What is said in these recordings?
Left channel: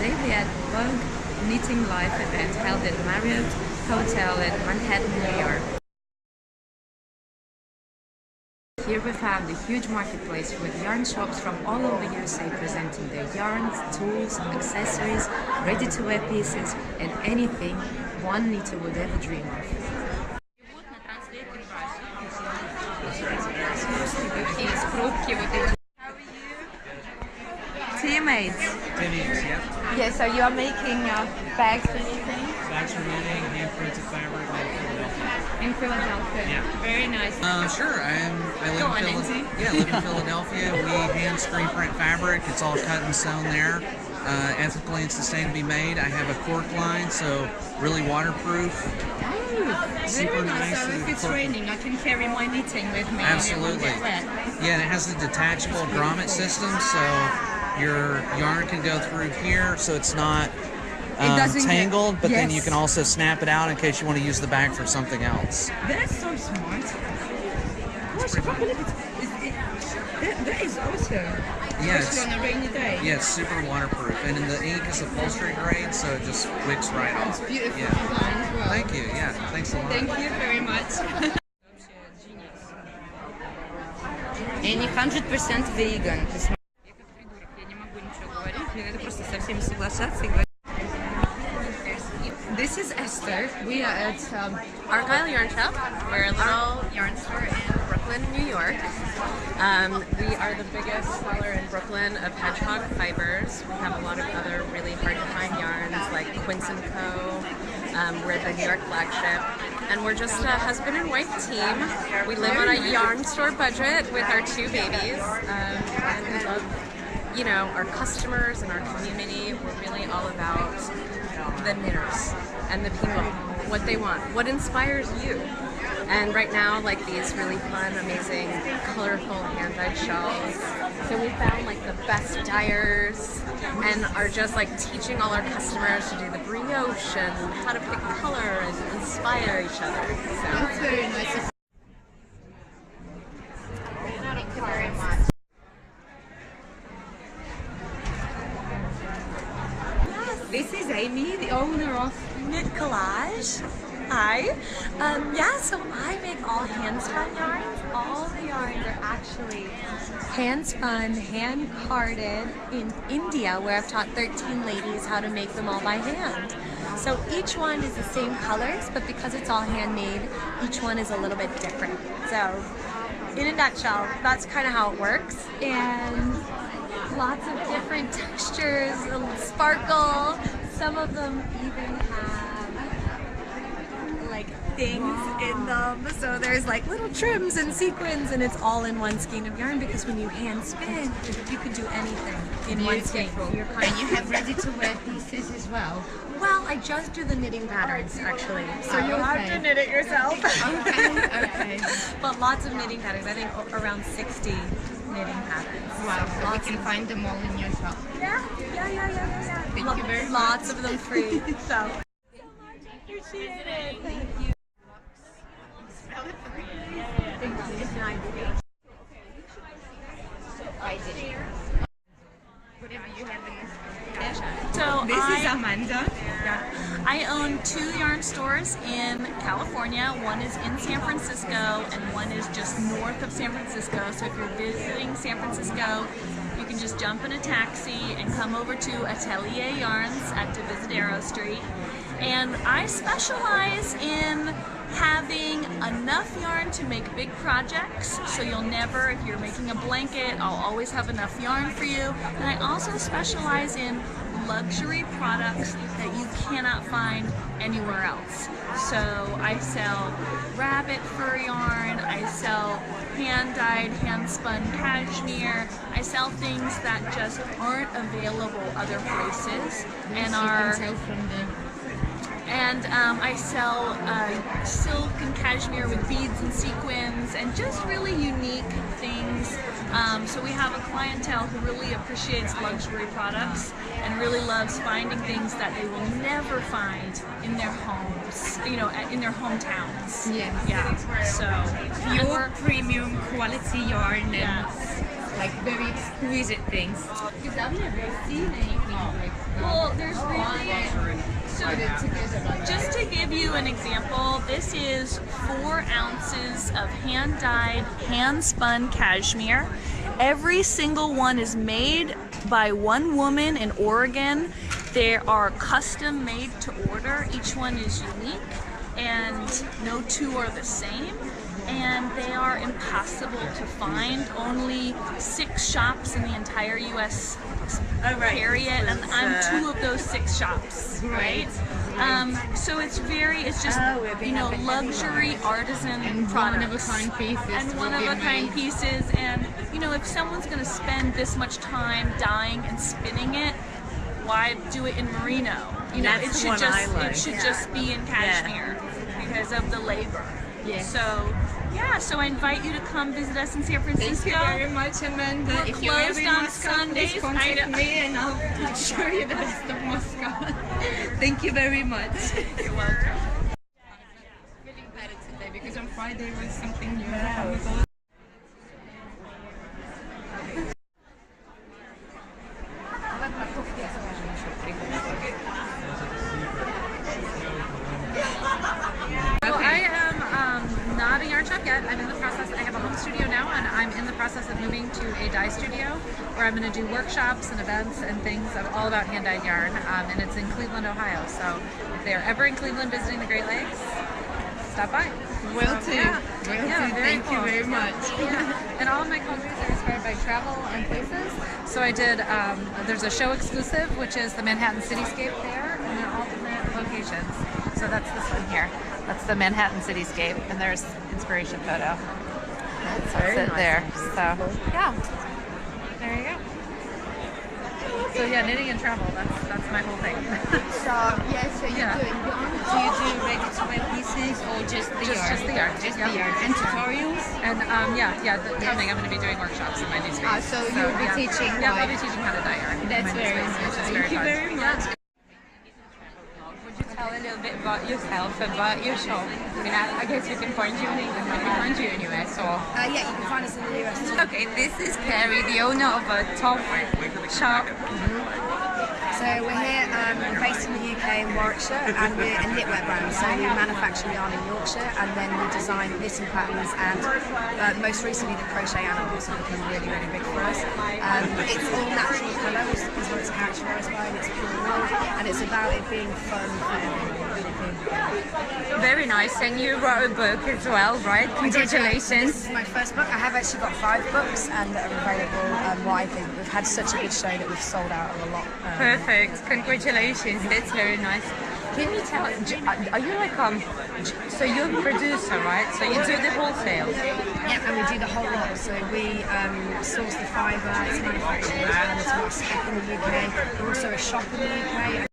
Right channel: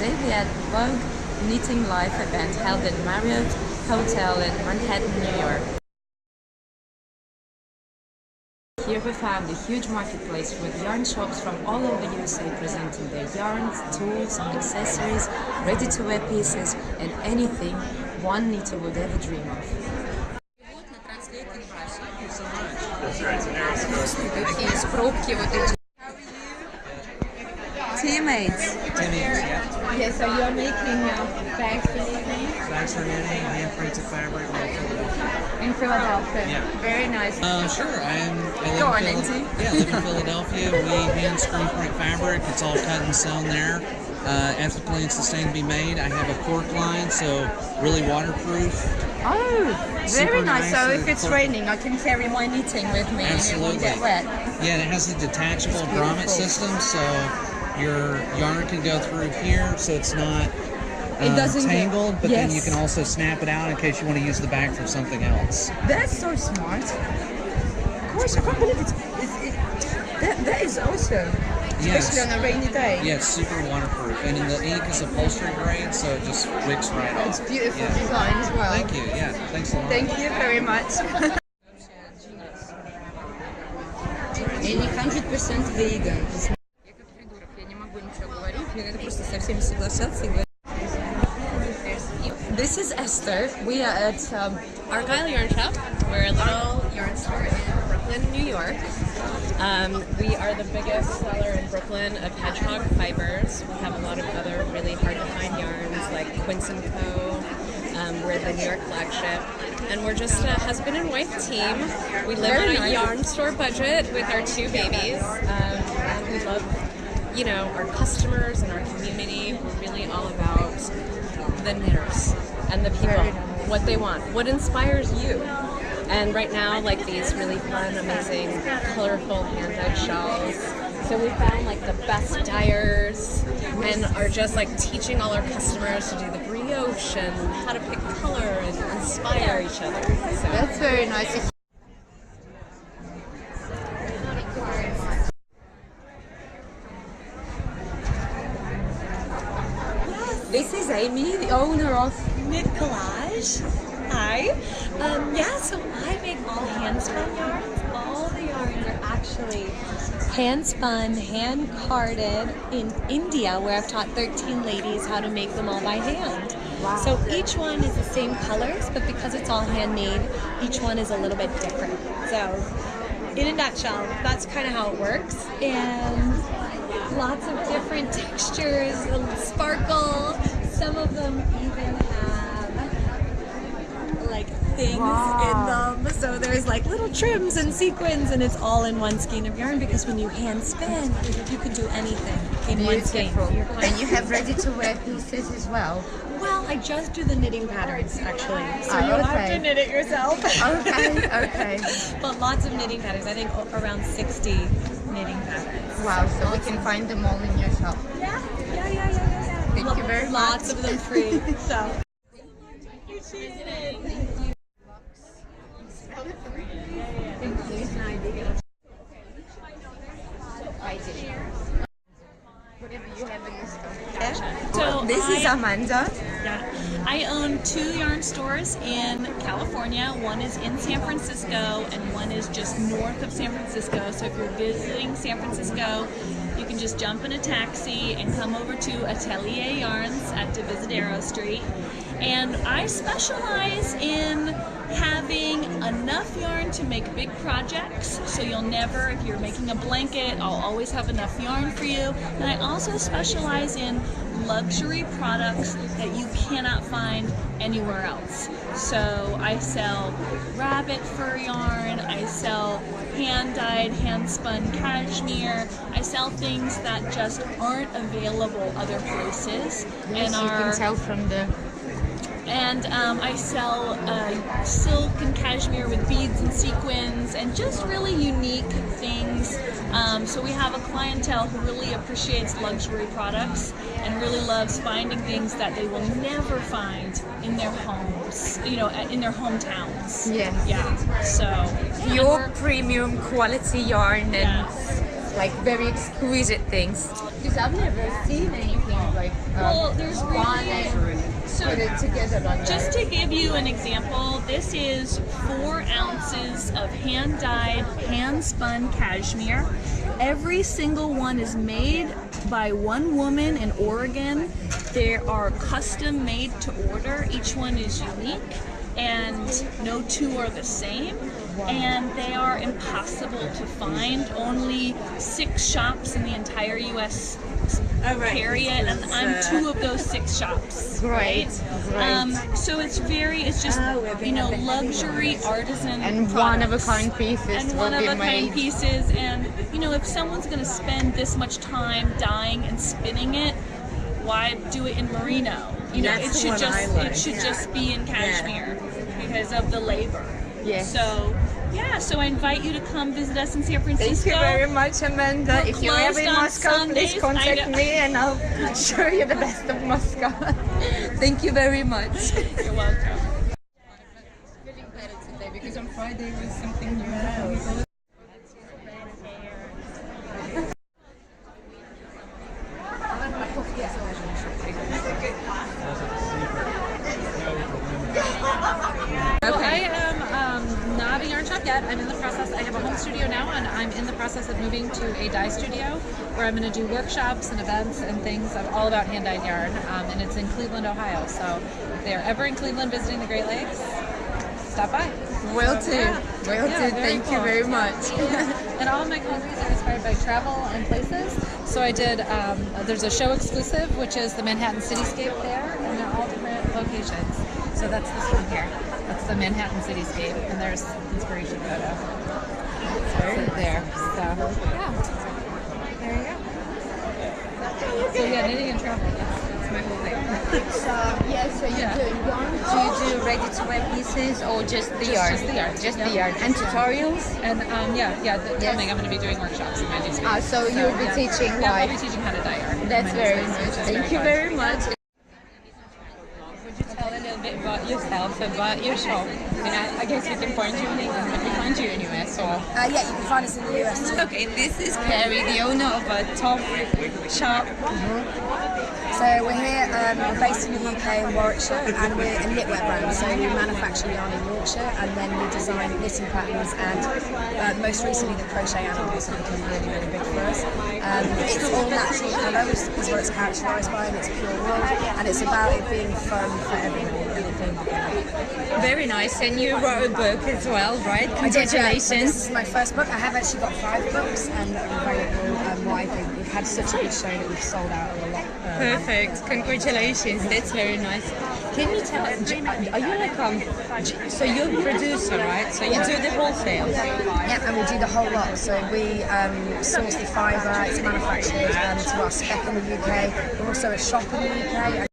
today we are at Vogue Knitting Live event held at Marriott Hotel in Manhattan, New York. Here we found a huge marketplace with yarn shops from all over USA presenting their yarns, tools, accessories, ready-to-wear pieces, and anything one knitter would ever dream of. Teammates. Teammates, yeah. Yes, so you're making bags for knitting? Bags for knitting, hand printed fabric in Philadelphia. In Philadelphia? Yeah. Very nice. Sure. I live Go on, in Nancy. Yeah, I live in Philadelphia. We hand screen print fabric. It's all cut and sewn there. Ethically and sustainably made. I have a cork line, so really waterproof. Oh, very nice. So if it's raining, I can carry my knitting with me. Absolutely. And it won't get wet. Yeah, and it has the detachable grommet system, so your yarn can go through here, so it's not It doesn't tangled, get, but yes. then you can also snap it out in case you want to use the bag for something else. That's so smart. Of course, I can't believe that is awesome. Yes. Especially on a rainy day. Yeah, it's super waterproof, and the ink is upholstery grade, so it just wicks right off. It's beautiful design as well. Thank you. Yeah, thanks a lot. Thank you very much. And 100% vegan. Я как придурок, я не могу ничего говорить, мне надо просто со всеми соглашаться и говорить. This is Esther. We are at Argyle Yarn Shop. We're a little yarn store in Brooklyn, New York. We are the biggest seller in Brooklyn of hedgehog fibers. We have a lot of other really hard to find yarns like Quince & Co. We're the New York flagship. And we're just a husband and wife team. We live on a yarn store budget with our two babies. And we love, you know, our customers and our community. We're really all about the knitters and the people, what they want, what inspires you. And right now, like these really fun, amazing, colorful hand-dyed shawls. So we found like the best dyers and are just like teaching all our customers to do the brioche and how to pick color and inspire each other. So. That's very nice. This is Amy, the owner of Knit Collage. Hi. So I make all hand spun yarns. All the yarns are actually hand spun, hand carded in India, where I've taught 13 ladies how to make them all by hand. So each one is the same colors, but because it's all handmade, each one is a little bit different. So in a nutshell, that's kind of how it works. And lots of different textures, sparkle. Some of them even have like things in them. So there's like little trims and sequins, and it's all in one skein of yarn because when you hand spin, you can do anything in one skein. And you have ready-to-wear pieces as well. Well, I just do the knitting patterns actually. So Oh, you'll have okay. to knit it yourself. Okay. But lots of knitting patterns. I think around 60 knitting patterns. Wow, so we can find them all in your shop. Yeah. Thank you very much. Lots of them free. So. I did. Whatever you have in this store. So This is Amanda. Yeah. I own 2 yarn stores in California. One is in San Francisco and one is just north of San Francisco. So if you're visiting San Francisco, you can just jump in a taxi and come over to Atelier Yarns at Divisadero Street. And I specialize in having enough yarn to make big projects. So you'll never, if you're making a blanket, I'll always have enough yarn for you. And I also specialize in luxury products that you cannot find anywhere else. So I sell rabbit fur yarn, I sell hand-dyed, hand-spun cashmere. I sell things that just aren't available other places and You are. can tell from the. And I sell silk and cashmere with beads and sequins and just really unique things. So we have a clientele who really appreciates luxury products and really loves finding things that they will never find in their homes, you know, in their hometowns. Yes. Yeah. So Pure premium quality yarn and like very exquisite things. Because I've never seen anything like Well, there's really so put it together like just that. to give you an example, this is 4 ounces of hand-dyed, hand-spun cashmere. Every single one is made by one woman in Oregon. They are custom made to order. Each one is unique, and no two are the same. And they are impossible to find. Only 6 shops in the entire U.S. carry it, and I'm 2 of those 6 shops. Great. So it's just luxury artisan And products. one-of-a-kind pieces. And one-of-a-kind pieces. And if someone's going to spend this much time dyeing and spinning it, why do it in merino? That's the one I like. It should just be in cashmere because of the labor. Yes. So I invite you to come visit us in San Francisco. Thank you very much, Amanda. We're If you're ever in closed on Moscow, Sundays. please contact I know. me and I'll show you the best of Moscow. Thank you very much. You're welcome. Feeling better today because on Friday was something new. So I am not a yarn shop yet. I'm in the process. I have a home studio now, and I'm in the process of moving to a dye studio where I'm going to do workshops and events and things all about hand-dyed yarn. And it's in Cleveland, Ohio. So if they're ever in Cleveland visiting the Great Lakes, stop by. Will do. Yeah. Will Yeah, do. very Thank you cool. very much. And all of my clothes are inspired by travel and places. So I did, there's a show exclusive, which is the Manhattan Cityscape there, and they're all different locations. So that's this one here. That's the Manhattan Cityscape, and there's inspiration photo. That's it there. So, yeah. There you go. So yeah, knitting and travel, that's my whole thing. So you're Yeah. doing yarn? Do you do ready-to-wear pieces or just the yarn? Just the yarn. Just Yep. the yarn. And tutorials? And coming, I'm going to be doing workshops in my new space. So you'll be teaching Yeah, I'll like... be teaching how to dye yarn. That's in my new very space, nice. which is Thank you fun. very much. Would you tell a little bit about yourself, about your shop? I guess we can find you in England. We can find you in US or... Yeah, you can find us in the US too. Okay, this is Carrie, the owner of a top shop. So we're here, we're based in the UK in Warwickshire, and we're a knitwear brand. So we manufacture yarn in Yorkshire, and then we design knitting patterns, and most recently the crochet animals have become really, really big for us. It's all natural colour, which is what it's characterised by, and it's pure wool, and it's about it being fun for everybody. Very nice, and you wrote a book as well, right? I did, yeah. Congratulations. This is my first book. I have actually got 5 books, and they're available widely. We've had such a good show that we've sold out a lot. Perfect. Congratulations. That's very nice. Can you tell, are you like, so you're a producer, right? So you do the wholesale. Yeah, and we do the whole lot. So we source the fibre, it's manufactured to our spec in the UK. We're also a shop in the UK.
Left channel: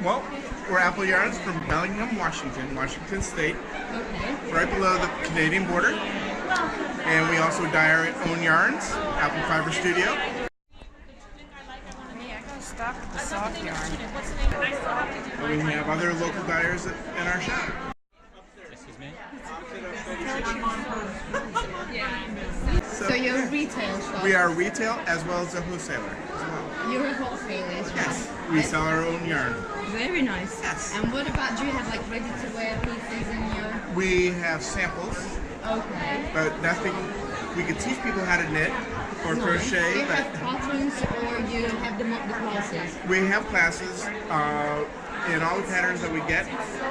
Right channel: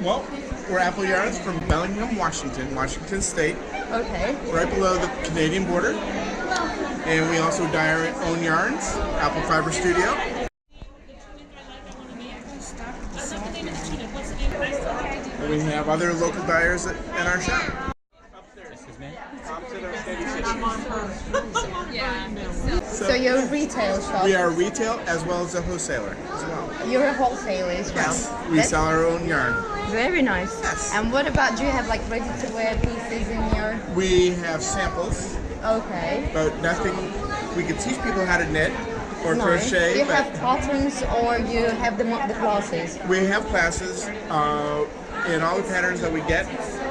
Well, we're Apple Yarns from Bellingham, Washington State. Okay. Right below the Canadian border. And we also dye our own yarns, Apple Fiber Studio. And we have other local dyers in our shop. So you're a retail shop. We are retail as well as a wholesaler as well. You're a wholesaler as well. Yes, we sell our own yarn. Very nice. Yes. And what about, do you have like ready-to-wear pieces in your... We have samples, Okay. but nothing. We could teach people how to knit or Nice. crochet, Do you but have patterns or you have the classes? we have classes, and all the patterns that we get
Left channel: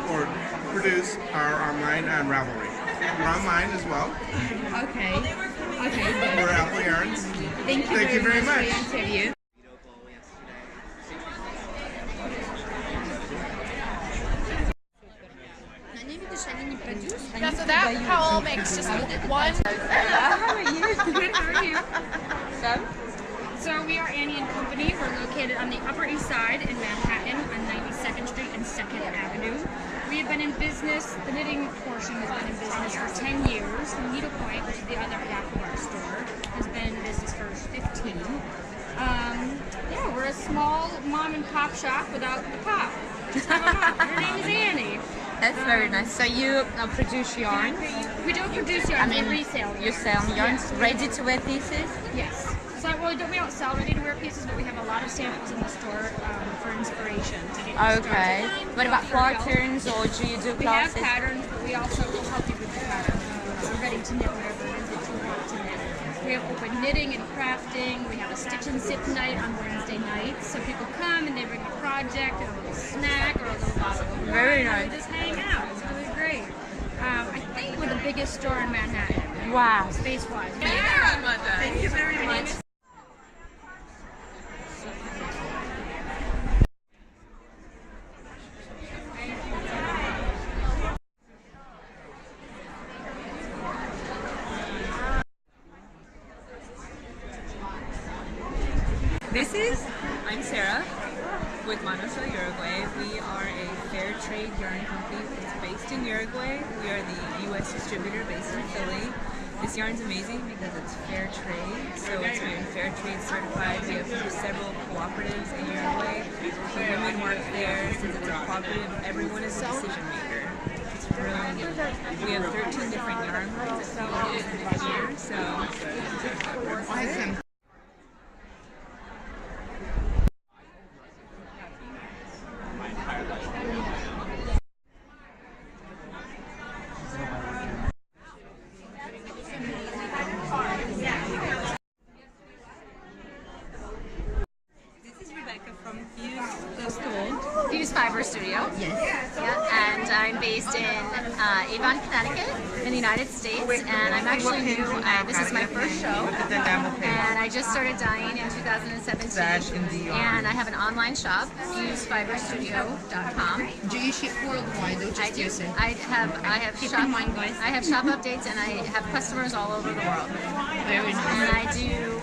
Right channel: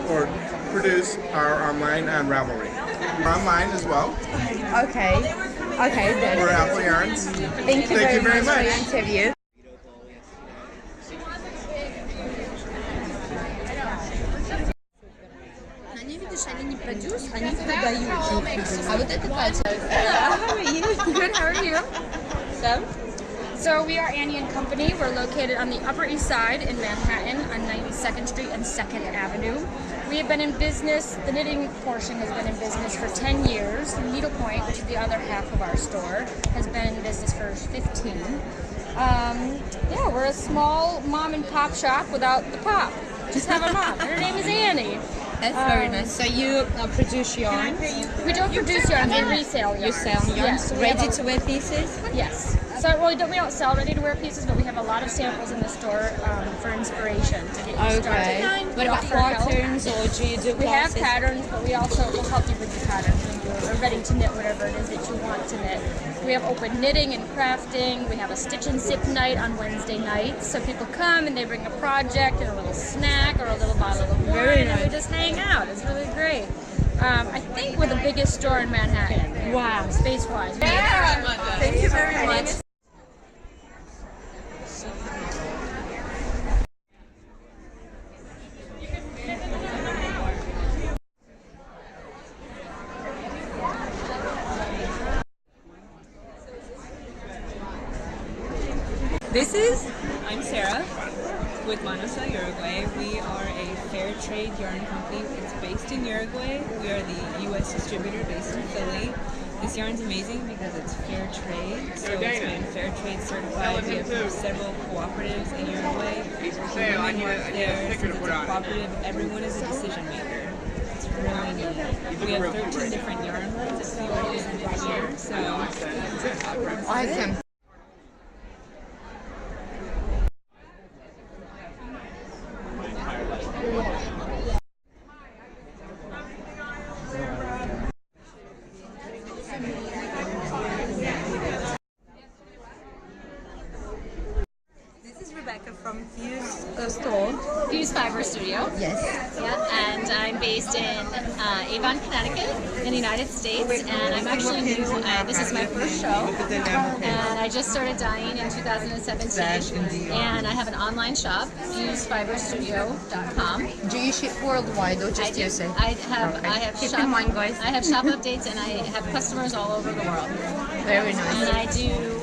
or produce are online on Ravelry. We're online as well. Okay. Okay, good. We're Apple Yarns. Thank you very much for your much. interview. Они, видишь, они не продюс, они продают. А вот это Катя. How are you? Good, how are you? So, So we are Annie and Company. We're located on the Upper East Side in Manhattan on 92nd Street and 2nd Avenue. We have been in business, the knitting portion has been in business for 10 years. Needlepoint, which is the other half of our store, has been in business for 15. Yeah, we're a small mom and pop shop without the pop. Just have a mom. Her name is Annie. That's very nice. So you produce yarn? We don't produce yarn, we resell yarn. You sell yarn? Yes, we have a- Ready-to-wear pieces? Yes. So well, we don't sell ready-to-wear pieces, but we have a lot of samples in the store for inspiration to get you started. What about For help. patterns, or do you do We have classes? patterns, but we also will help you with the patterns. We're ready to knit whatever it is that you want to knit. We have open knitting and crafting. We have a stitch and sip night on Wednesday nights. So people come and they bring a project and a little snack or a little bottle of wine, and we just hang out. It's really great. I think we're the biggest store in Manhattan. Wow. Space-wise. Thank you very much. This is? I'm Sarah with Manosa, Uruguay. We are a fair trade yarn company. It's based in Uruguay. We are the U.S. distributor based in Philly. This yarn's amazing because it's fair trade, so it's been fair trade certified. We have several cooperatives in Uruguay. The women work there. Since it's a cooperative, everyone is a decision maker. It's really neat. We have 13 different yarn lines that we represented here, so Awesome. from Fuse Fiber Studio. Yes. Yeah, and I'm based in Avon, Connecticut, in the United States, and I'm actually new. This is my first show, and I just started dyeing in 2017, and I have an online shop, fusefiberstudio.com. Do you ship worldwide or I just do. USA? I have Keep shop. in mind, guys. I have shop updates, and I have customers all over the world. Very nice. And I do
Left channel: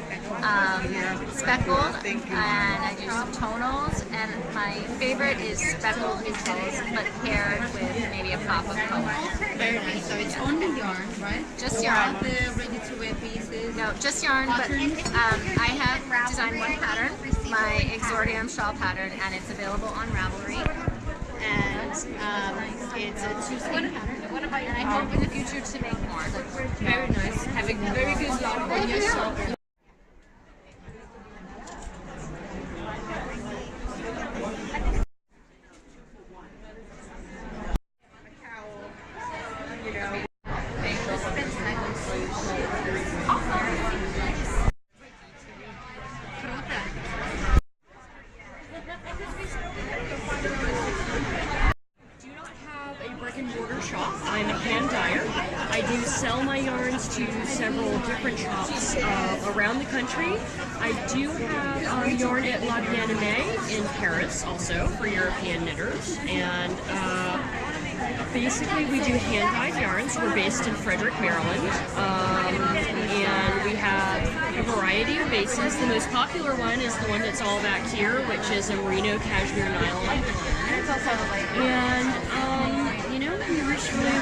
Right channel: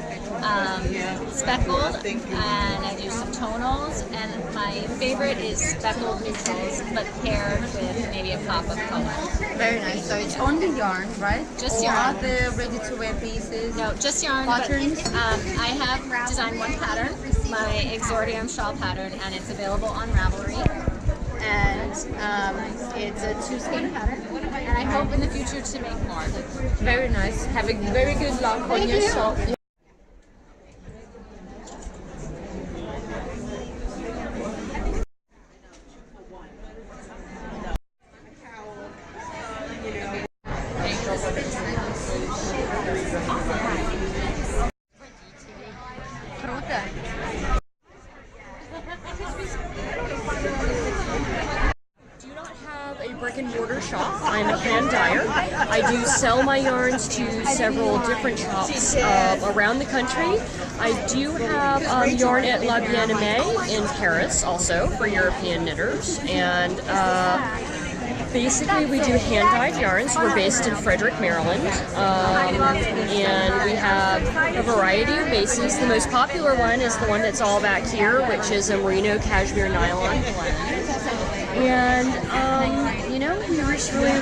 speckled, and I do some tonals, and my favorite is speckled neutrals, but paired with maybe a pop of color. Very nice. So it's only yarn, right? Just or yarn. Other ready-to-wear pieces. No, just yarn, Patterns? but I have designed one pattern, my Exordium shawl pattern, and it's available on Ravelry. And it's a two-skein pattern, and I hope in the future to make more. Very nice. Have a very good luck on your shop. Brick and mortar shop. I'm a hand dyer. I do sell my yarns to several different shops around the country. I do have yarn at La Bien-Aimée in Paris also for European knitters, and basically we do hand dyed yarns. We're based in Frederick, Maryland, and we have a variety of bases. The most popular one is the one that's all back here, which is a merino cashmere nylon blend. And you know,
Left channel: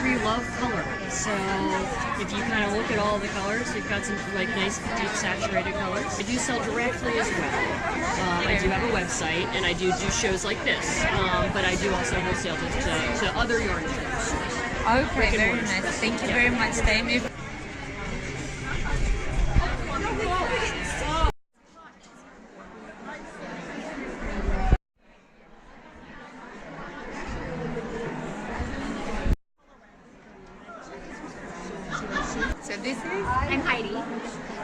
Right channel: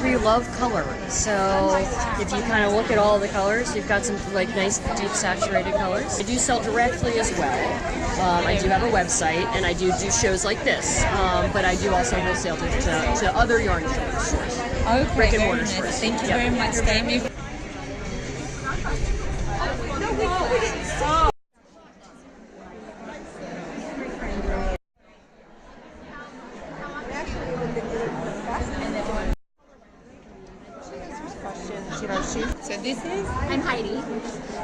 we love color. So if you kind of look at all the colors, you've got some like nice deep saturated colors. I do sell directly as well. I do have a website, and I do shows like this, but I do also wholesale to other yarn shows. Okay, Brick and very mortar nice. stores. Thank you Yeah. very much. Thank you. So this is? I'm Heidi.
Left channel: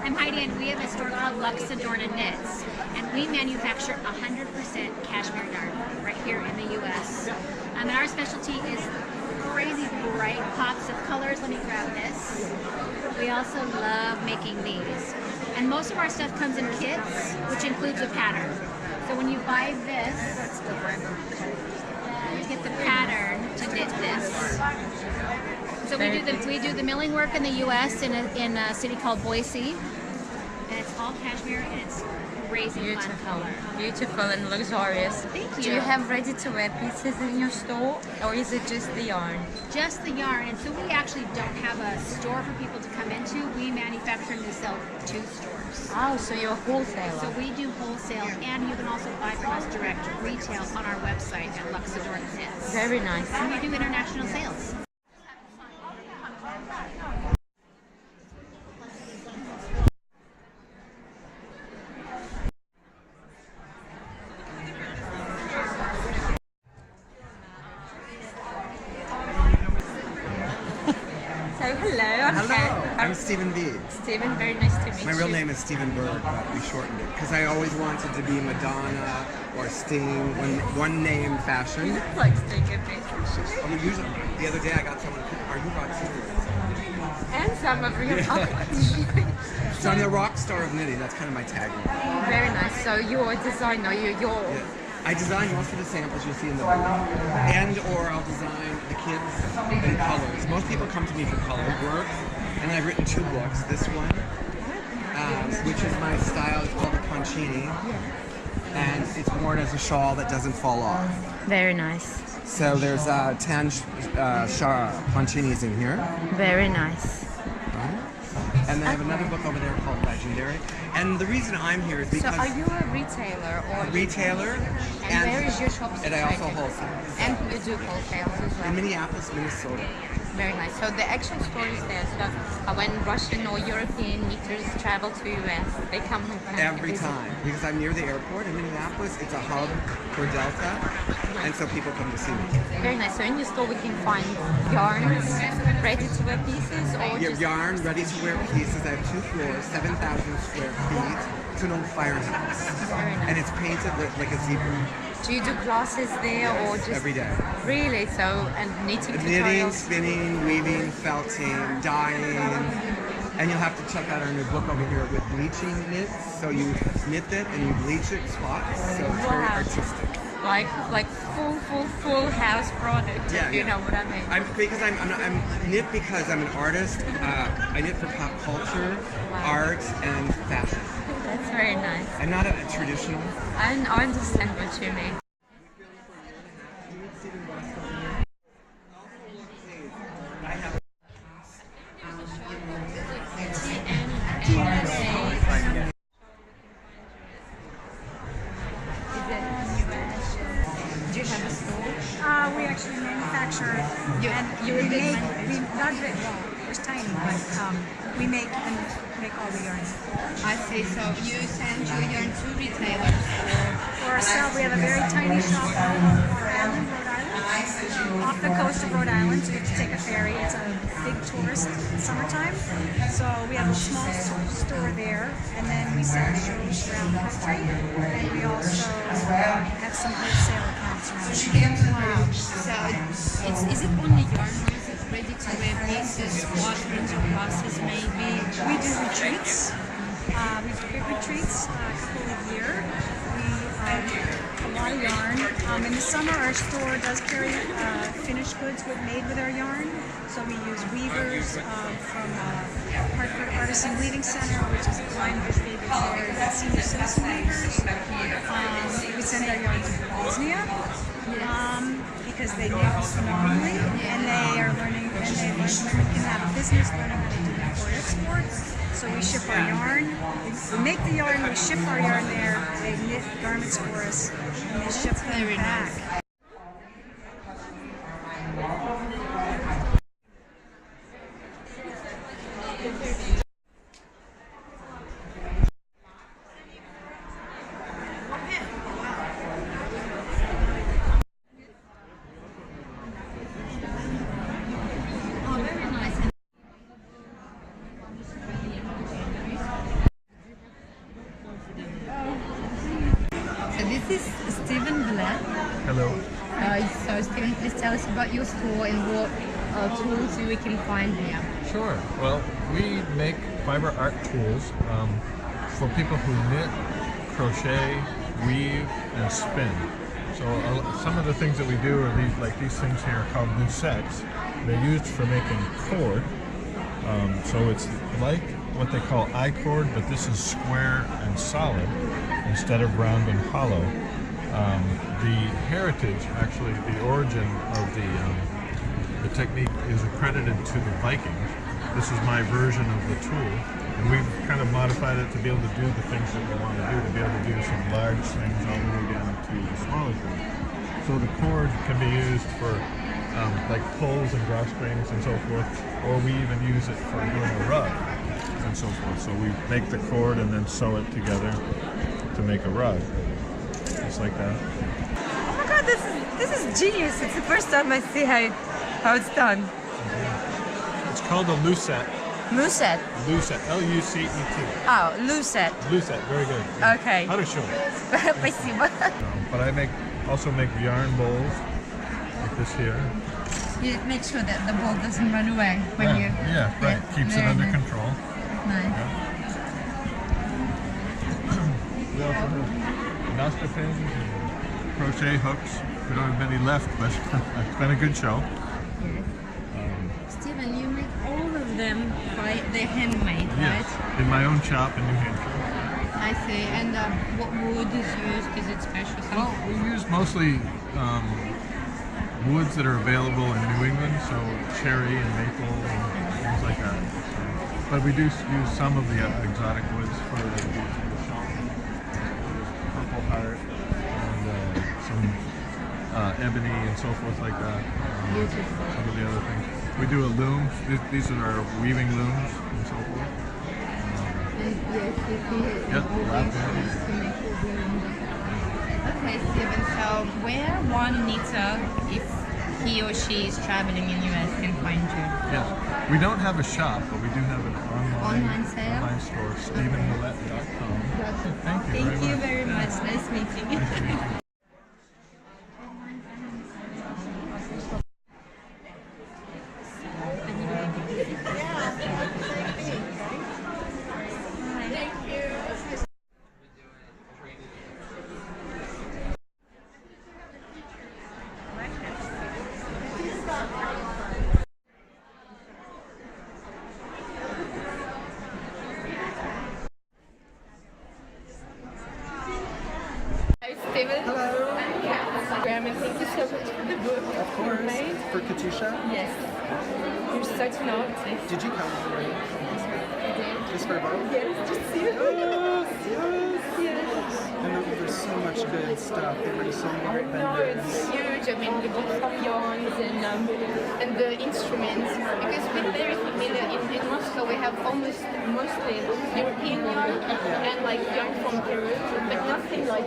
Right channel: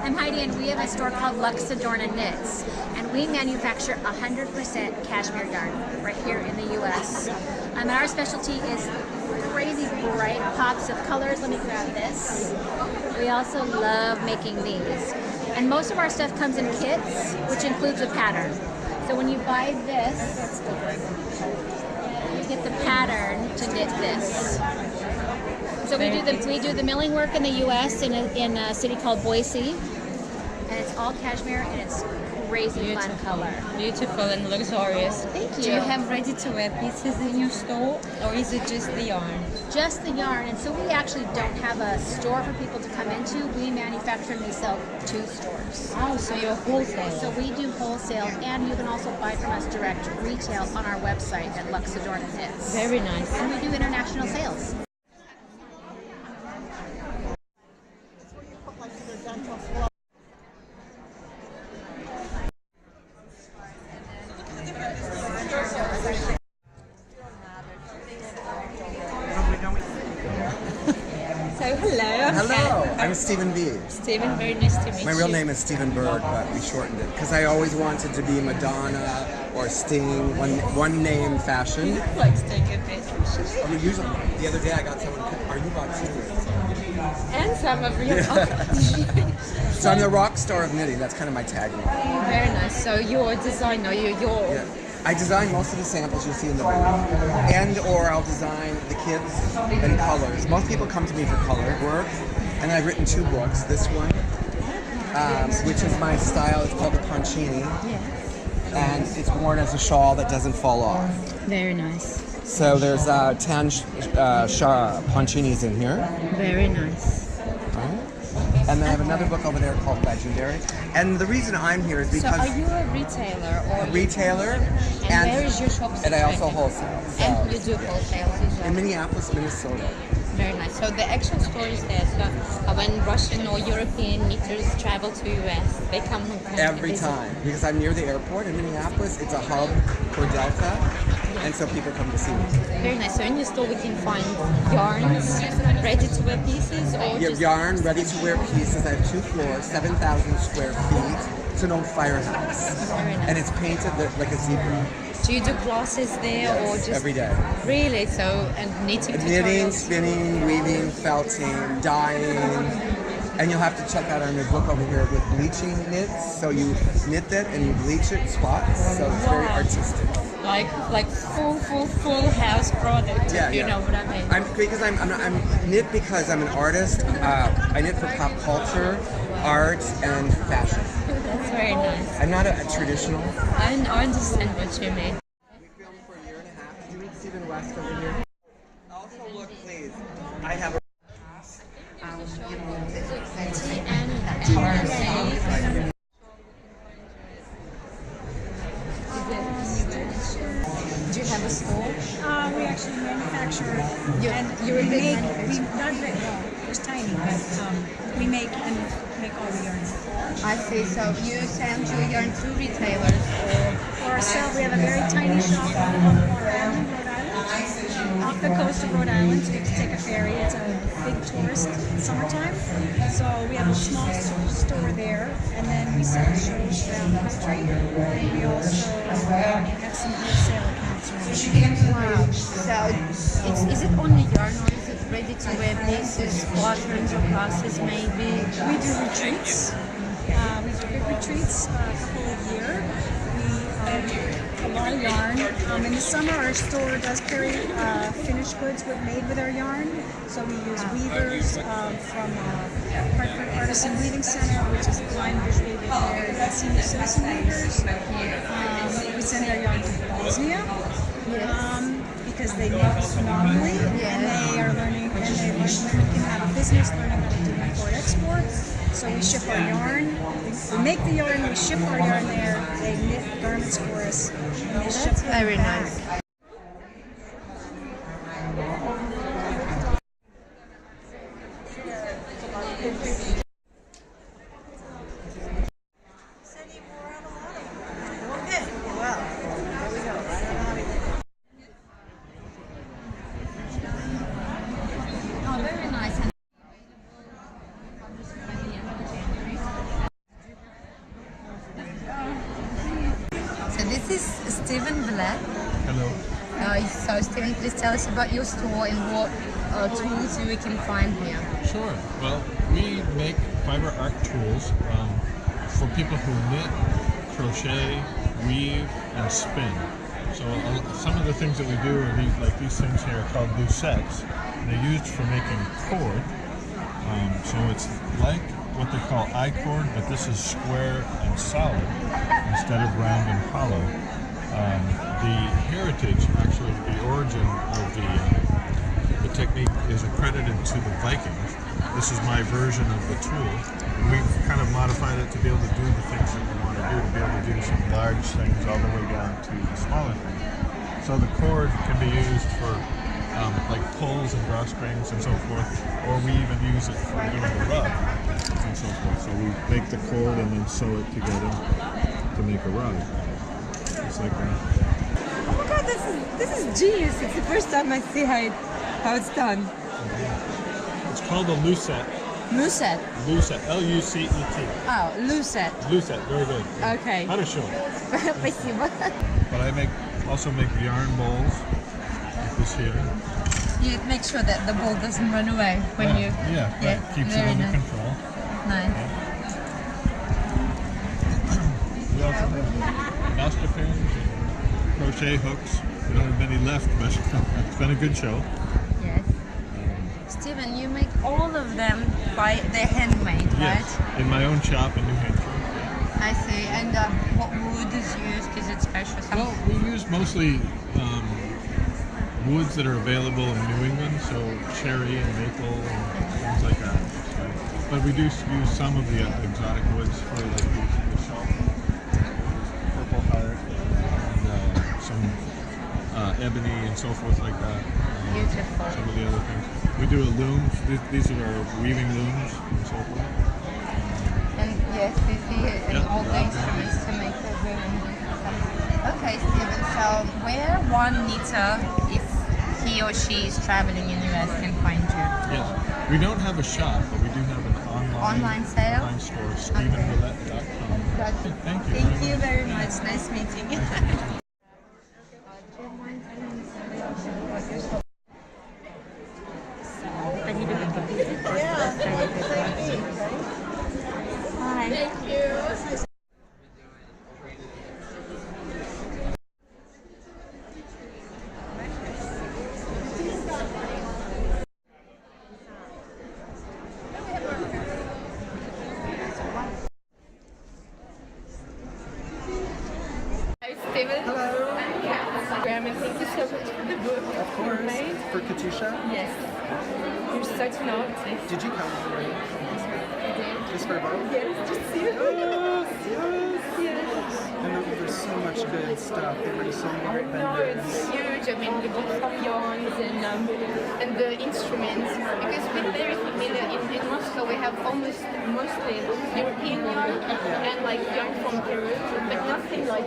And we have a store called Lux Adorna Knits, and we manufacture 100% cashmere yarn right here in the U.S. And our specialty is crazy bright pops of colors. Let me grab this. We also love making these. And most of our stuff comes in kits, which includes a pattern. So when you buy this, you get the pattern to knit this. So we do the milling work in the U.S. in a city called Boise, and it's all cashmere, and it's crazy fun color. Beautiful and luxurious. Thank Do you. you have ready-to-wear pieces in your store, or is it just the yarn? Just the yarn, and so we actually don't have a store for people to come into. We manufacture and we sell to stores. Oh, so you're a wholesaler. So we do wholesale, and you can also buy from us direct retail on our website at Luxadorna Knits. Very nice. And we do international sales. So hello. Hello, I'm Stephen B. Stephen, very nice to meet you. My real name is Stephen Bird, but we shortened it because I always wanted to be Madonna or Sting, one name fashion. Like Sting, okay. Usually, the other day I got someone, are you rock star? And some of your So I'm the rock star of knitting. That's kind of my tagline. Very nice. So you're a designer. Yeah. I design most of the samples you'll see in the book, and or I'll design the kids and colors. Most people come to me for color work, and I've written 2 books. This one, which is my style. It's called the Poncini, and it's worn as a shawl that doesn't fall off. Very nice. So there's 10 Poncinis in here. Very nice. Right. And then I have another book over there called Legendary. And the reason I'm here is because So are you a retailer or a retailer, and where is your shop and I also situated? wholesale. So And you do wholesale as well. in Minneapolis, Minnesota. Very nice. So the actual store is there. So when Russian or European knitters travel to US, they come Every visit. time, because I'm near the airport in Minneapolis. It's a hub for Delta, and so people come to see me. Very nice. So in your store we can find yarns, ready-to-wear pieces, or Yeah, just yarn, ready-to-wear pieces. I have 2 floors, 7,000 square feet. It's an old firehouse, and it's painted like a zebra. do you do classes there or just Every day. Really? So and knitting Knitting, tutorials? spinning, weaving, felting, dyeing. And you'll have to check out our new book over here with bleaching knits. So you knit it and you bleach it spots. So it's very Wow. artistic. Like full house product. Yeah, you yeah. know what I mean. I'm knit because I'm an artist. I knit for pop culture, art, and fashion. That's very nice. I'm not a traditional. I understand what you mean. Also, look, please. I have. Do you have a store? We actually manufacture. You're a big we manufacturer. not big, well, there's tiny, but we make all the yarns. I see. So you send your yarn to retailers or For ourselves, we have a very tiny shop on Long Island, Rhode Island, off the coast of Rhode Island. So you have to take a ferry. It's a big tourist summertime. So we have a small store there, and then we sell shows around the country. And we also have some wholesale accounts around. wow. So is it only yarn or is it ready-to-wear pieces, quaterns or classes maybe? We do retreats. We do big retreats, a couple a year. We a lot of yarn. In the summer, our store does carry finished goods made with our yarn. So we use weavers from Hartford Artisan Weaving Center, which is blind visually impaired senior citizen weavers. We send our yarn to Bosnia. Because they knit phenomenally, and they are learning, and women can have a business learning how to do import-export. So we ship our yarn, we make the yarn, we ship our yarn there, they knit garments for us, and they ship them very back. nice. So this is Stephen Blatt. Hello. So Stephen, please tell us about your store and what tools we can find here. Sure. Well, we make fiber art tools for people who knit, crochet, weave, and spin. So some of the things that we do are these things here called lucettes. They're used for making cord. So it's like what they call I-cord, but this is square and solid. instead of round and hollow. The heritage, actually, the origin of the technique is accredited to the Vikings. This is my version of the tool, and we've kind of modified it to be able to do the things that we want to be able to do some large things all the way down to the smaller things. So the cord can be used for like pulls and drawstrings and so forth, or we even use it for doing the rug and so forth. So we make the cord and then sew it together to make a rug, just like that. Oh my god, this is genius. It's the first time I see how it's done. It's called a lucette. Lucette. Lucette. L-U-C-E-T. Oh, lucette. Lucette. Very good. Okay. How to show. Спасибо. But I also make yarn bowls like this here. You make sure that the ball doesn't run away when you... Yeah, right. Keeps it under control. Nice. Yeah. We also have master pins and crochet hooks. We don't have many left, but it's been a good show. Yes. Stephen, you make all of them they're handmade, Yes, right? in my own shop in New Hampshire. I see. And what wood is used? Is it special? Well, we use mostly woods that are available in New England, so cherry and maple and things like that. But we do use some of the exotic woods for the shelf. Purple heart and some ebony and so forth like that. Some of the other things. We do a loom. These are our weaving looms and so forth. And yes, you see all these used to make a loom. Okay, Stephen, so where one knitter, if he or she is traveling in US, can find you? Yes. We don't have a shop, but we do have an online sale? Online store, StephenMillette.com. Thank you. Thank you very much. Nice meeting you. Nice meeting you. Stephen. Hello. I'm Instagram, and thank you so much for the book. Of course. For Katusha? Yes. You're such an artist. Did you come for it? I did. Just for a book? Yes, just you. Yes. And there's so much good stuff. They bring so many great No, vendors. it's huge. I mean, the book of yarns and the instruments. Because we're very familiar in Moscow, we have mostly European yarn and like yarn from Peru, but nothing like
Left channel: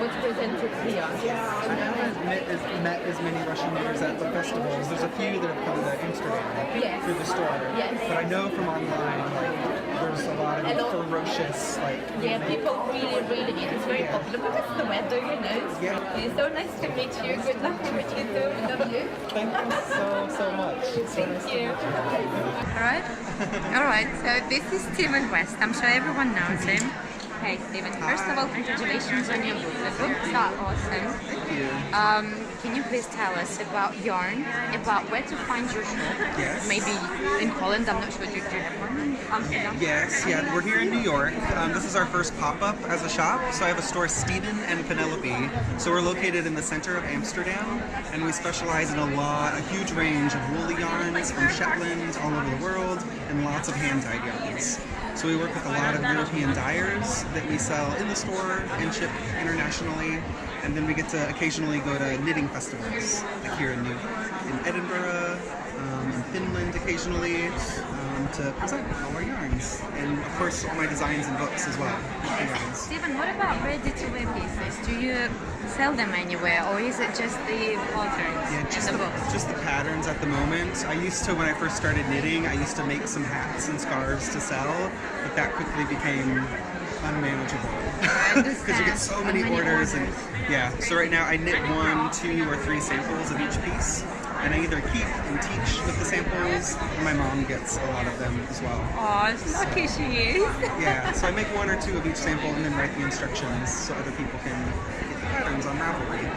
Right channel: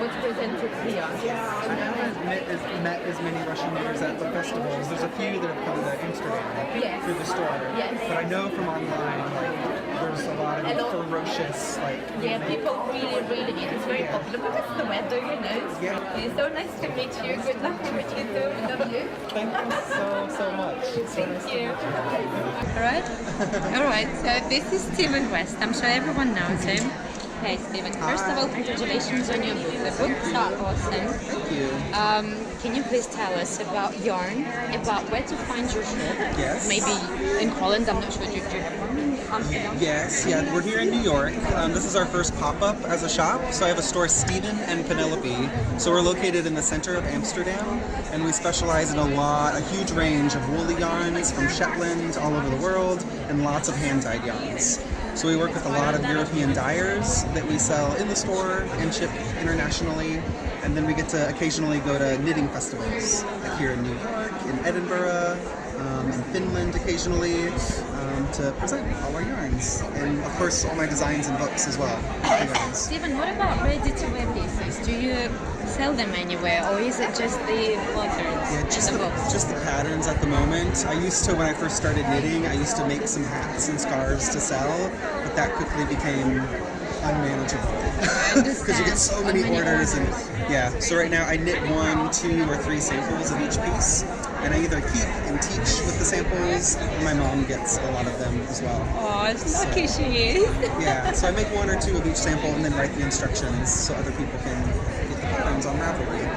what's presented here. I haven't met as many Russian knitters at the festivals. There's a few that have come to Amsterdam through the store. Yes. But I know from online, like, there's a lot of ferocious, like... Yeah, people really, it's very popular because the weather, you know. Yeah. It's so nice to meet you. Good luck to what you do. Love you. Thank you so much. Thank you. Alright, so this is Stephen West. I'm sure everyone knows him. Hey Stephen, first of all, congratulations on your book. The books are awesome. Thank you. Can you please tell us about yarn, about where to find your shop? Yes. Maybe in Holland, I'm not sure. Do you have one in Amsterdam? Yes, yeah, we're here in New York. This is our first pop-up as a shop. So I have a store, Stephen and Penelope. So we're located in the center of Amsterdam, and we specialize in a huge range of woolly yarns from Shetland all over the world, and lots of hand-dyed yarns. So we work with a lot of European dyers that we sell in the store and ship internationally. And then we get to occasionally go to knitting festivals, like here in New York, in Edinburgh, in Finland occasionally, to present all our yarns. And of course, all my designs and books as well. Stephen, what about ready-to-wear pieces? Do you sell them anywhere, or is it just the patterns? Yeah, just the patterns at the moment. I used to, when I first started knitting, I used to make some hats and scarves to sell, but that quickly became unmanageable because you get so many orders. And yeah, so right now I knit 1, 2, or 3 samples of each piece, and I either keep and teach with the samples, or my mom gets a lot of them as well. Oh, so lucky she is. Yeah, so I make 1 or 2 of each sample and then write the instructions so other people can get the patterns on Ravelry.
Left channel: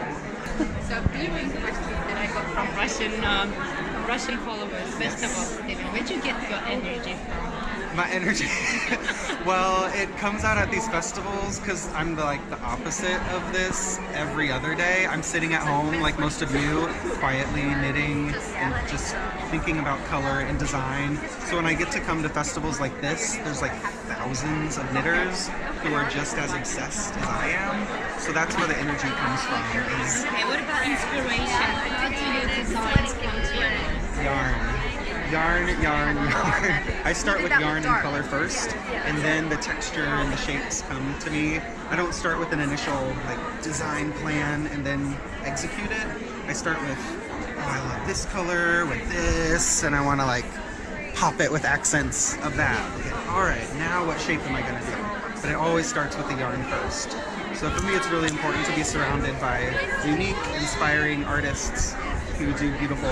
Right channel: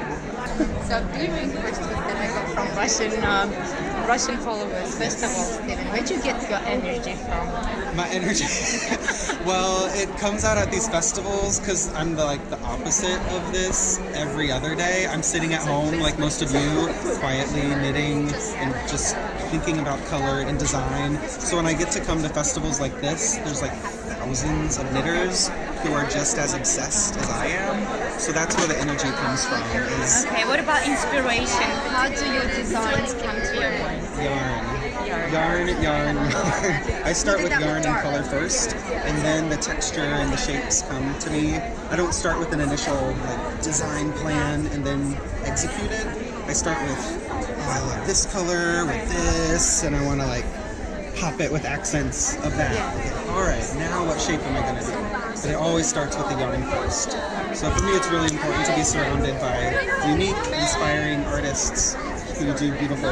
So gluing crystals that I got from Russian followers. First of all, Stephen, where'd you get your energy from? My energy? Well, it comes out at these festivals because I'm the opposite of this every other day. I'm sitting at home like most of you, quietly knitting and just thinking about color and design. So when I get to come to festivals like this, there's like thousands of knitters who are just as obsessed as I am. So that's where the energy comes from. Okay, what about inspiration? How do your designs come to your mind? Yarn. I start with yarn and color first, and then the texture and the shapes come to me. I don't start with an initial design plan and then execute it. I start with, oh, I love this color with this, and I want to pop it with accents of that. Okay, all right, now what shape am I going to do? But it always starts with the yarn first. So for me, it's really important to be surrounded by unique, inspiring artists who do beautiful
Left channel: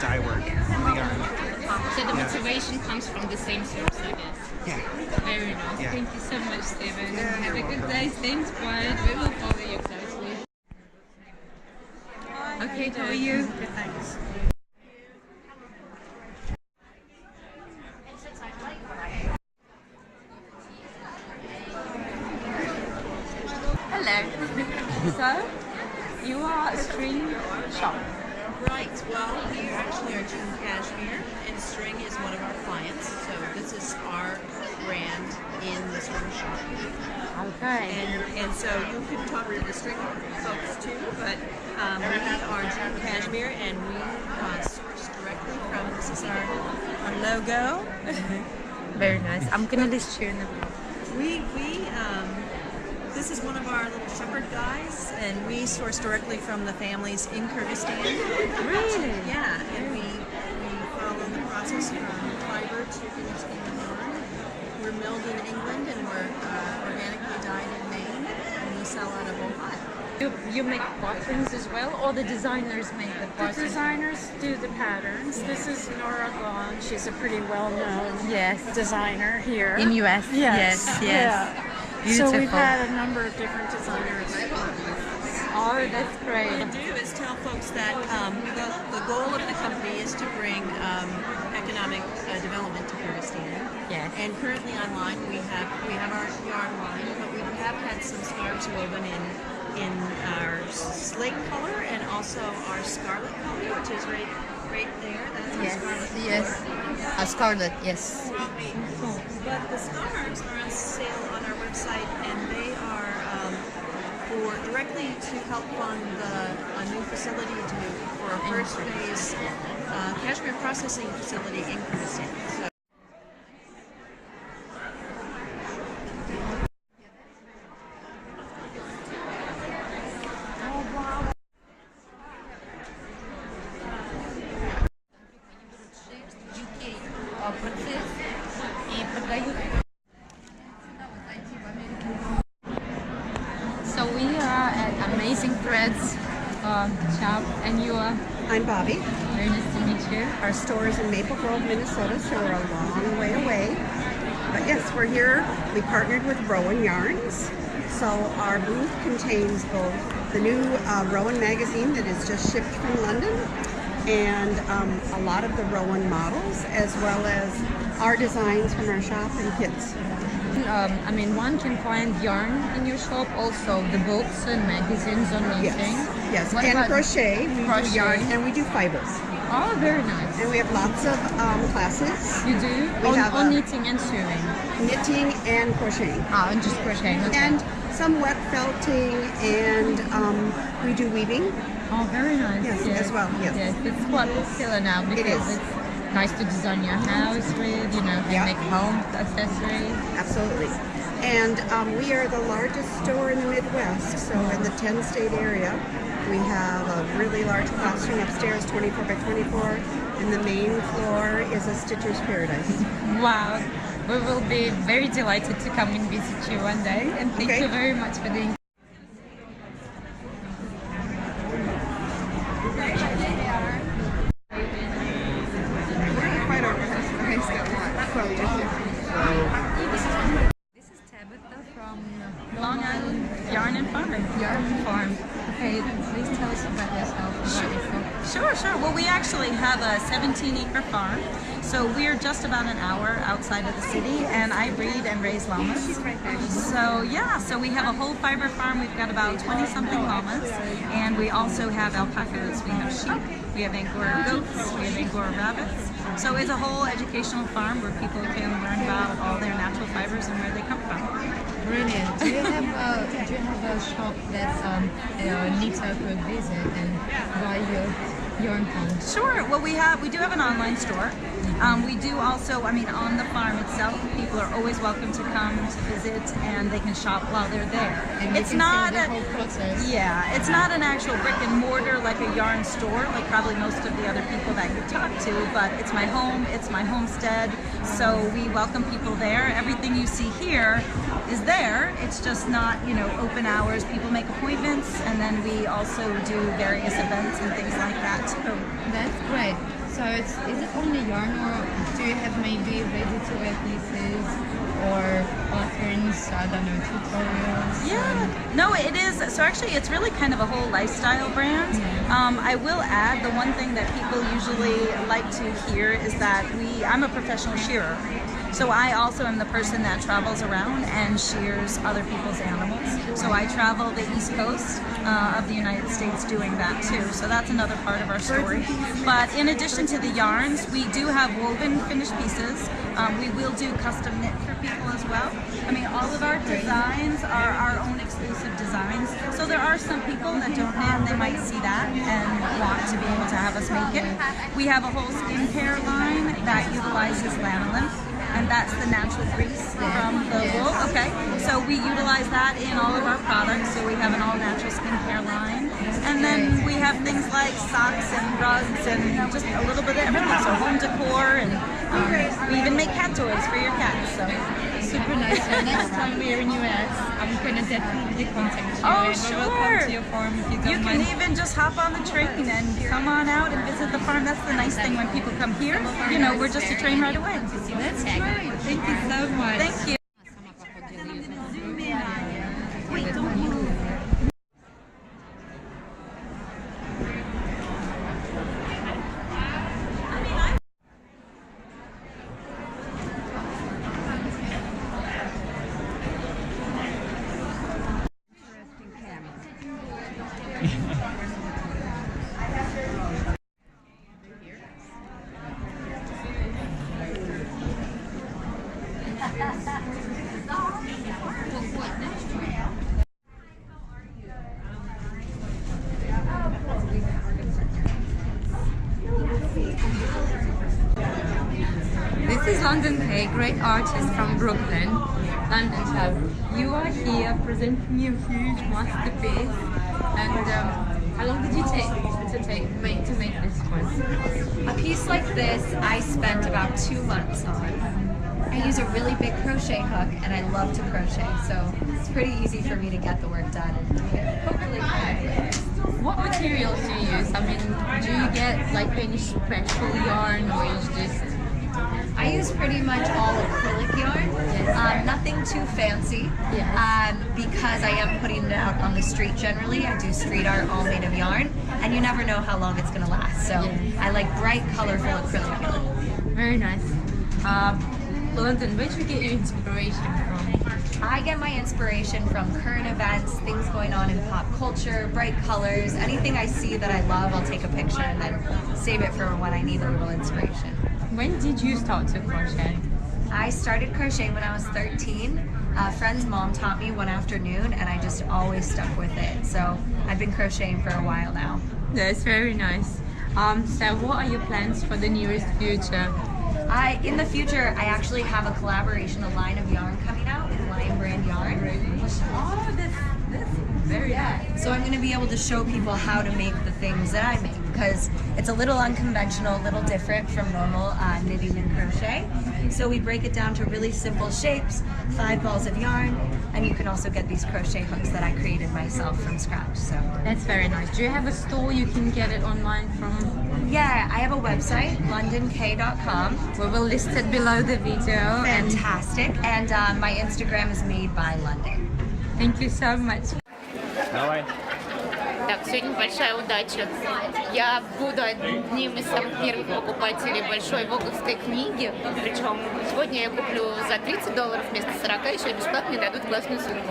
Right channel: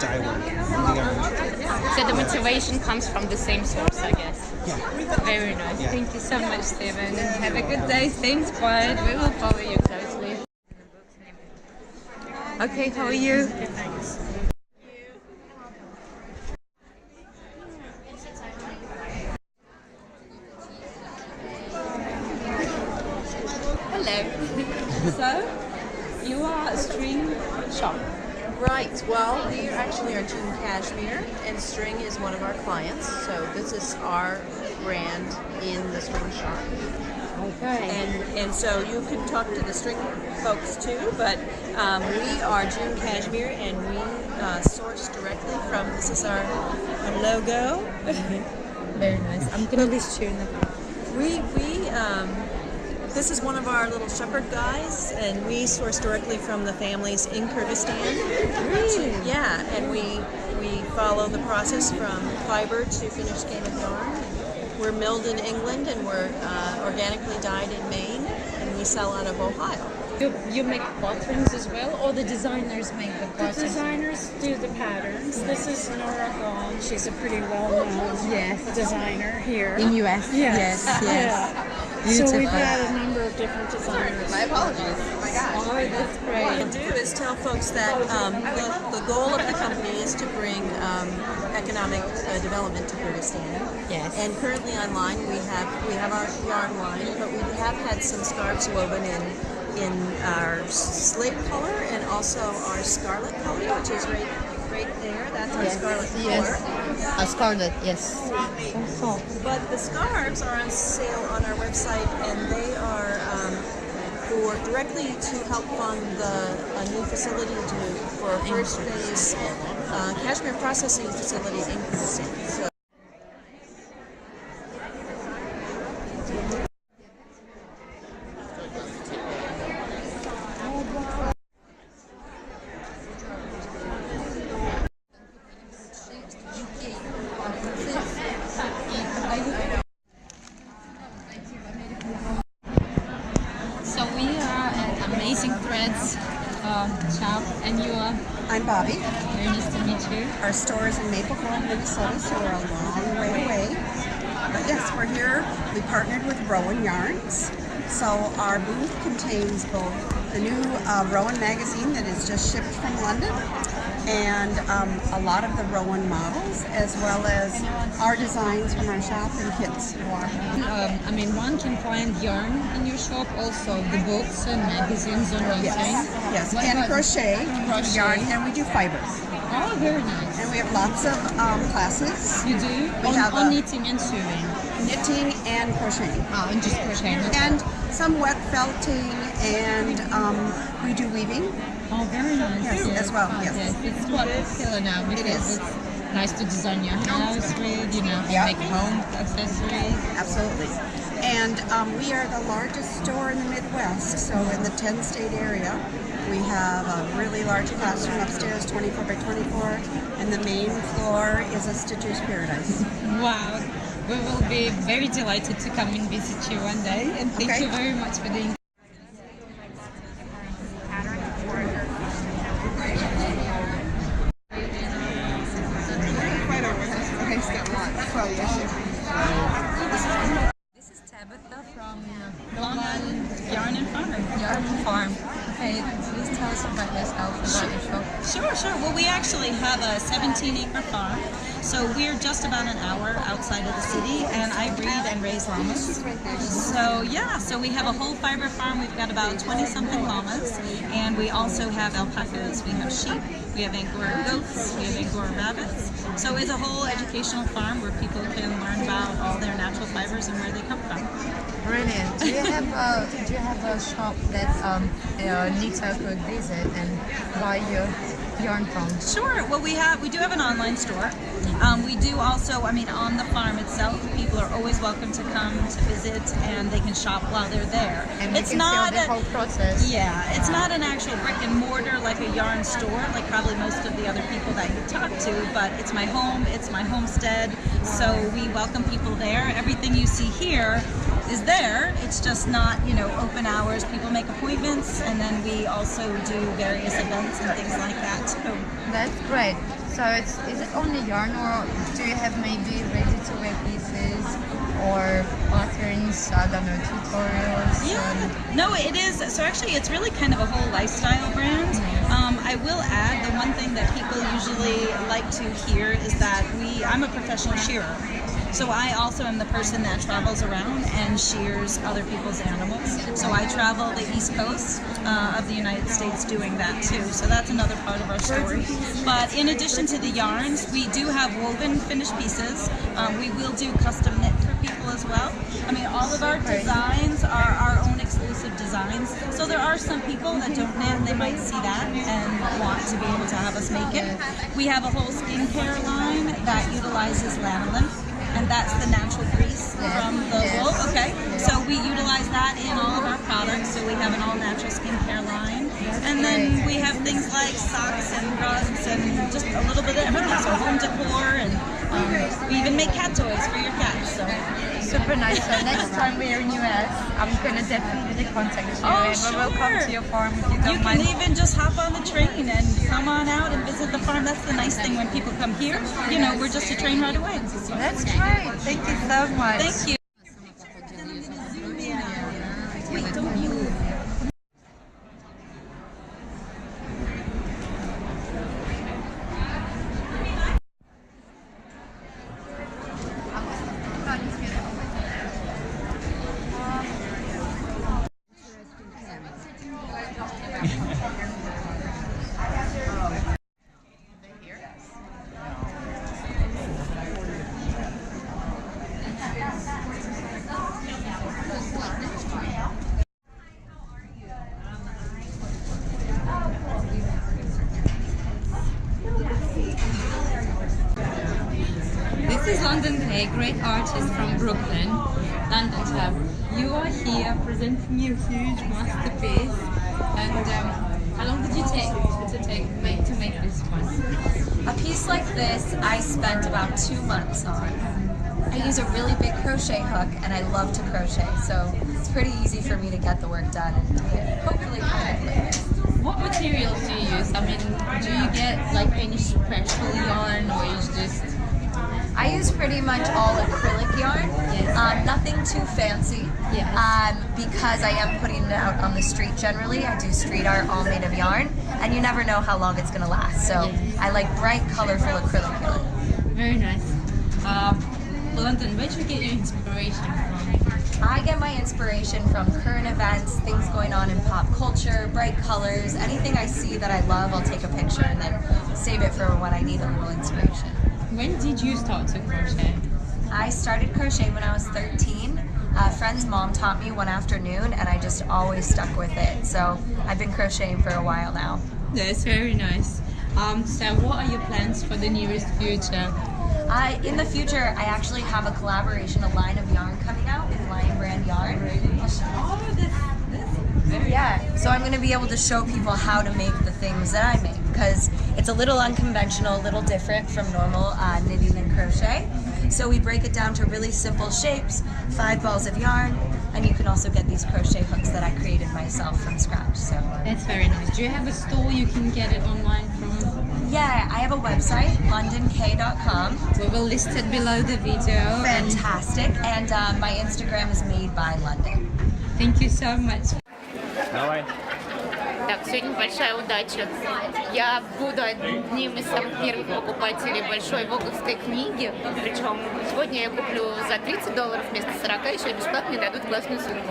dye work on the yarn. So the motivation comes from the same source, I guess. Yeah. Very nice. Yeah. Thank you so much, Stephen. Have a good day. Stay inspired. We will follow you closely. Okay, how are you? Hello. So, you are a string shop. Right. Well, we actually are June Cashmere, and string is one of our clients. So this is our brand in the string shop. Okay. And so you can talk to the string folks too, but we are June Cashmere, and we source directly from. This is our logo. Very nice. I'm gonna be sharing them. This is one of our little shepherd guys, and we source directly from the families in Kyrgyzstan. Really? Yeah, and we follow the process from fiber to finished skein of yarn. We're milled in England, and we're organically dyed in Maine, and we sell out of Ohio. You make buttons as well, or the designers make the buttons? The designers do the patterns. This is Nora Gone. She's a pretty well-known designer here. In US? Yes. Yes. So we've had a number of different designers. My apologies. Oh, that's great. What I do is tell folks that the goal of the company is to bring economic development to Kyrgyzstan. Yes. And currently online we have our yarn line, but we have had some scarves woven in our slate color and also our scarlet color, which is right there. That's our scarlet color. A scarlet, yes. But the scarves are on sale on our website, and they are directly to help fund a new facility for a first phase cashmere processing facility in Kyrgyzstan. So. So we are at Amazing Threads shop, and you are? I'm Bobby. Very nice to meet you. Our store is in Maple Grove, Minnesota, so we're a long way away. But yes, we're here. We partnered with Rowan Yarns. So our booth contains both the new Rowan magazine that is just shipped from London, and a lot of the Rowan models, as well as our designs from our shop and kits. I mean, one can find yarn in your shop, also the books and magazines on knitting. Yes, What and about crochet. We do yarn, and we do fibers. Oh, very nice. And we have lots of classes. You do? We have on knitting and sewing? Knitting and crocheting. Oh, and just crocheting. Okay. And some wet felting, and we do weaving. Oh, very nice. Yes, as well, yes. It's quite popular now because It is. it's nice to design your house with, and make home accessories. Absolutely. And we are the largest store in the Midwest, so in the 10-state area. We have a really large classroom upstairs, 24 by 24, and the main floor is a Stitcher's Paradise. Wow. We will be very delighted to come and visit you one day, and thank you very much for the This is Tabitha from Long Island Yarn and Farm. Yarn and Farm. Okay, please tell us about yourself, about your shop? Sure. Well, we actually have a 17-acre farm, so we're just about an hour outside of the city, and I breed and raise llamas. So yeah, so we have a whole fiber farm. We've got about 20-something llamas, and we also have alpacas, we have sheep, we have Angora goats, we have Angora rabbits. So it's a whole educational farm where people can learn about all their natural fibers and where they come from. Brilliant. Do you have a shop that knitter could visit and buy your yarn from? Sure. Well, we do have an online store. We do also, on the farm itself, people are always welcome to come to visit, and they can shop while they're there. And It's you can not see the whole process. Yeah, it's not an actual brick and mortar like a yarn store, like probably most of the other people that you talk to, but it's my home, it's my homestead, so we welcome people there. Everything you see here is there. It's just not, open hours. People make appointments, and then we also do various events and things like that too. That's great. So is it only yarn, or do you have maybe ready-to-wear pieces or patterns, I don't know, tutorials? Yeah, no, it is. So actually, it's really kind of a whole lifestyle brand. I will add, the one thing that people usually like to hear is that I'm a professional shearer. So I also am the person that travels around and shears other people's animals. So I travel the East Coast of the United States doing that too. So that's another part of our story. But in addition to the yarns, we do have woven finished pieces. We will do custom knit for people as well. All of our designs are our own exclusive designs. So there are some people that don't knit, they might see that and want to be able to have us make it. We have a whole skincare line that utilizes lanolin, and that's the natural grease from the wool. Okay, so we utilize that in all of our products. So we have an all-natural skincare line, and then we have things like socks and rugs and just a little bit of everything. So home decor, and we even make cat toys for your cats. So super nice. So next time we're in US, I'm gonna definitely contact you. Oh, and sure. we will come to your farm if you don't You mind. can even just hop on the train and come on out and visit the farm. That's the nice thing when people come here. We're just a train right away. That's great. Thank you so much. Thank you. This is London K, great artist from Brooklyn, London Town. You are here presenting your huge masterpiece. And how long did you take to make this one? A piece like this I spent about 2 months on. I use a really big crochet hook, and I love to crochet, so it's pretty easy for me to get the work done and hopefully kind of quick. What materials do you use? Do you get like any special yarn, or is just... I use pretty much all acrylic yarn, nothing too fancy, because I am putting it out on the street generally. I do street art all made of yarn, and you never know how long it's going to last, so I like bright, colorful acrylic yarn. Very nice. London, where do you get your inspiration from? I get my inspiration from current events, things going on in pop culture, bright colors, anything I see that I love, I'll take a picture and then save it for when I need a little inspiration. When did you start to crochet? I started crochet when I was 13. A friend's mom taught me one afternoon, and I just always stuck with it. So I've been crocheting for a while now. That's very nice. So what are your plans for the nearest future? In the future, I actually have a collaboration, a line of yarn coming out with Lion Brand Yarn. Oh, that's very nice. So I'm going to be able to show people how to make the things that I make, because it's a little unconventional, a little different from normal knitting and crochet. So we break it down to really simple shapes, 5 balls of yarn, and you can also get these crochet hooks that I created myself from scratch. So that's very nice. Do you have a store you can get it online from? Yeah, I have a website, londonk.com. We will list it below the video. Fantastic. And my Instagram is Made by London. Thank you so much. No way. So Так, сегодня большая удача. Я буду одним из самых первых покупателей большой воговской книги. Причем сегодня я куплю за $30 вместо 40, еще бесплатно мне дадут классную сумму.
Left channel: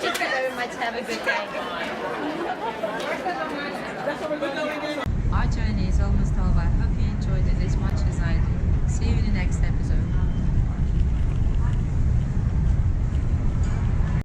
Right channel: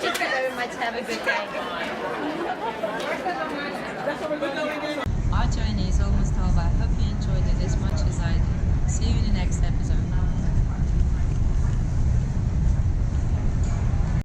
Thank you very much. Have a good day.